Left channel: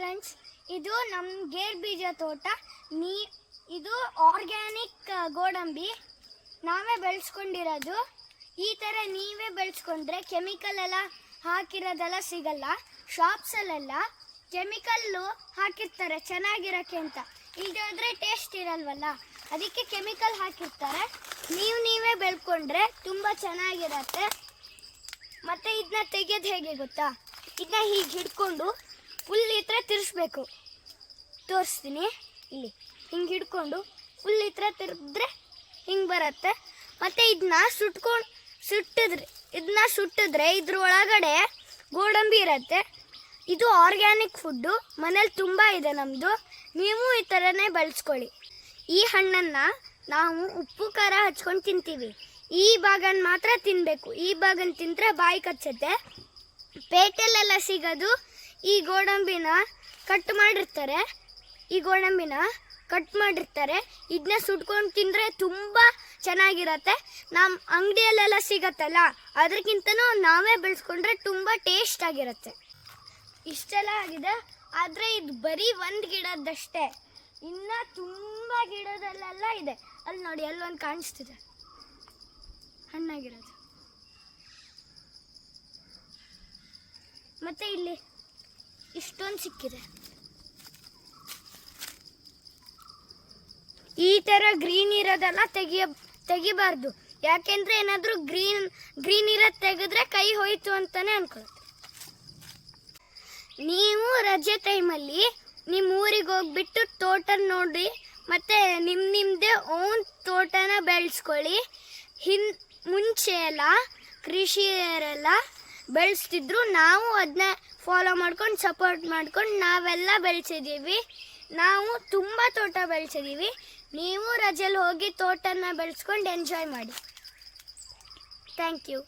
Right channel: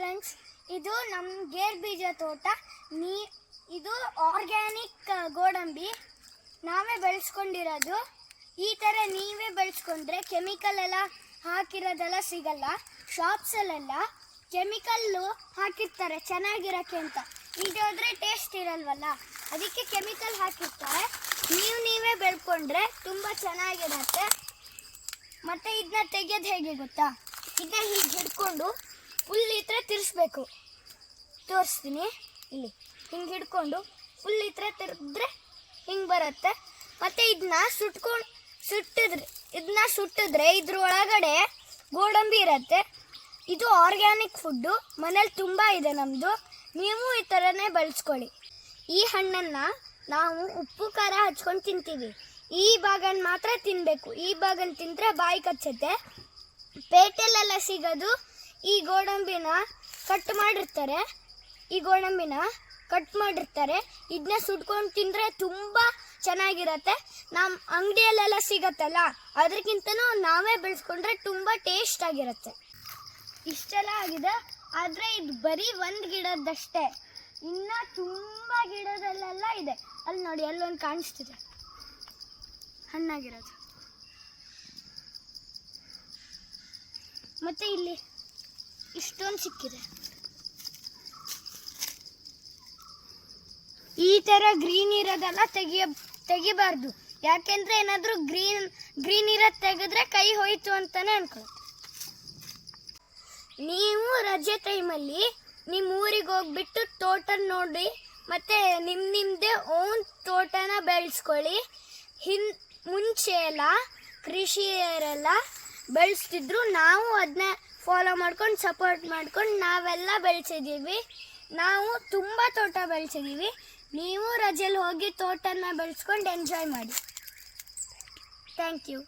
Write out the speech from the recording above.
Friends, ಇದು ನಮ್ಮ gear ಬೀಜ ತೋಟ. ಇದು ಆರ್ಗ್ಯಾನಿಕ್ ಗೋಡಂಬಿ ನಾವೇ ಬೆಳೆಸ್ಕೊಂಡಿರೋದು. ಈ ಥರ ನೀವೇ ಬೆಳೆಸ್ಕೊಂಡ್ರೆ ಕೆಮಿಕಲ್ ಎಲ್ಲ ಹಾಕಿರೋದೆಲ್ಲ ಸಿಗಲ್ಲ. ಶಾಪ್ಸಲ್ಲೆಲ್ಲ ಕೆಮಿಕಲ್ಲು ಹಾಕಿರ್ತಾರೆ ಚೆನ್ನಾಗಿರೋಕ್ಕೆ ಅಂತ. ಇಲ್ಲದೆ ಹೋದರೆ ಟೇಸ್ಟ್ ಇರಲ್ವಲ್ಲ, ಅದಕ್ಕೆ ಕೆಮಿಕಲ್ ಹಾಕಿರ್ತಾರೆ. ನೀವೇ ಬೆಳ್ಕೊಂಡ್ರೆ ತುಂಬ ಚೆನ್ನಾಗಿರತ್ತೆ. ಮತ್ತು ಇದನ್ನ ತೆಗೆಯೋದು ಹೇಗೆ ಗೊತ್ತಾ? ಇದನ್ನ ಹೀಗೆ ಹಿಡ್ಕೊಂಡು ಫುಲ್ ಈ ಥರ ತಿರ್ಸ್ಬೇಕು. ತೋರಿಸ್ತೀನಿ, ಇಲ್ಲಿ ಹಿಂಗೆ ಹಿಡ್ಕೊಂಡು ಫುಲ್ ಈ ಥರ ತಿರ್ಗಿದ್ರೆ ಹಿಂಗೆ ಬರುತ್ತೆ. ಮತ್ತು ಇದನ್ನ ಸುಟ್ಟಿದ್ರೆ ಇದ್ರೊಳಗಡೆ ಗೋಡಂಬಿ ಇರುತ್ತೆ. ಇದು ಆರ್ಗ್ಯಾನಿಕ್ ಫುಡ್ಡು, ಮನೇಲಿ ತುಂಬ ಇದೆ ನಮ್ಮದು. ನೀವು ಈ ಥರನೇ ಬಳಸ್ಕೊಳ್ಳಿ. ಈ ಹಣ್ಣನ್ನು ನಾವು ಉಪ್ಪು ಖಾರ ಹಚ್ಕೊಂಡು ತಿಂತೀವಿ. ಈ ಭಾಗನ ಮಾತ್ರ ತಿನ್ನಬೇಕು. ಈ ಭಾಗನ ತಿಂದರೆ ಬಾಯಿ ಕಚ್ಚುತ್ತೆ. ಪೇಟೆಲ್ಲೆಲ್ಲ ಸಿಗೋದು ಈ ಗೋಡಂಬಿನ ಕಟ್ ಮಾಡಿರ್ತಾರೆ. ಇದನ್ನ ಸುಟ್ಕೊಂಡು ತಿಂದರೆ ತುಂಬ ಚೆನ್ನಾಗಿರತ್ತೆ. ನಮ್ಮ ಅಂಗಡಿಯಲ್ಲೆಲ್ಲ ಸಿಗತ್ತಲ್ಲ, ಅದಕ್ಕಿಂತನೂ ನಾವೇ ಬೆಳೆಸ್ಕೊಂಡ್ರೆ ತುಂಬ ಟೇಸ್ಟ್ ಆಗಿರುತ್ತೆ. ಇಷ್ಟೆಲ್ಲ ಆಗಿದೆ, ಆದರೆ ಇದು ಬರೀ ಒಂದು ಗಿಡದಷ್ಟೇ. ಇನ್ನು ತುಂಬ ಗಿಡದಲ್ಲೆಲ್ಲ ಇದೆ. ಅಲ್ಲಿ ನೋಡಿ, ಅಲ್ಲೊಂದು ಕಾಣಿಸ್ತಿದೆ ಹಣ್ಣಾಗಿರೋದು. ಮತ್ತು ಇಲ್ಲಿ ಇಷ್ಟೊಂದು ಸಿಕ್ಕಿದೆ. ಈ ಥರ ಗ್ರೀನ್ ಇರೋದೆಲ್ಲ ತೆಗಿಬಾರ್ದು. ಯಾಕೆಂದರೆ ಏನಾದರೂ ಗ್ರೀನ್ ಇರೋದು ತೆಗೆದ್ರೆ ಕೈ ಹೋಯ್ತು ಅಂತಲೇ ಅನ್ಕೊಳ್ತೀವಿ. ನೀವು ರಜೆ ಟೈಮಲ್ಲಿ ನಿಮ್ಮ ಊರಿಗೆ ಹೋಗ್ಬಿಟ್ಟು ತೋಟ ನೋಡಿ, ಮತ್ತು ನಿಮ್ಮದೇ ಓನ್ ತೋಟನ ಬೆಳೆಸ್ಕೊಳ್ಳಿ. ಮುಂಚೆ ಎಲ್ಲ ಕೃಷಿಯರೆಲ್ಲ ಬೆಳೆಸ್ತಿದ್ರು. ನಾವು ಅದನ್ನ ಫಾಲೋ ಮಾಡ್ಕೊಂಡು ಸಪೋರ್ಟ್ ಮಾಡ್ಕೊಂಡು ನಾವೆಲ್ಲ ಬೆಳೆಸಿದ್ದೀವಿ. ನಾವು ತುಂಬ ತೋಟ ಬೆಳೆಸಿದ್ದೀವಿ. ನೀವು ರಜೆಯಲ್ಲಿ ಹೋಗಿ ತೋಟನ ಬೆಳೆಸ್ಕೊಂಡು ಎಂಜಾಯ್ ಮಾಡಿ. Thank you.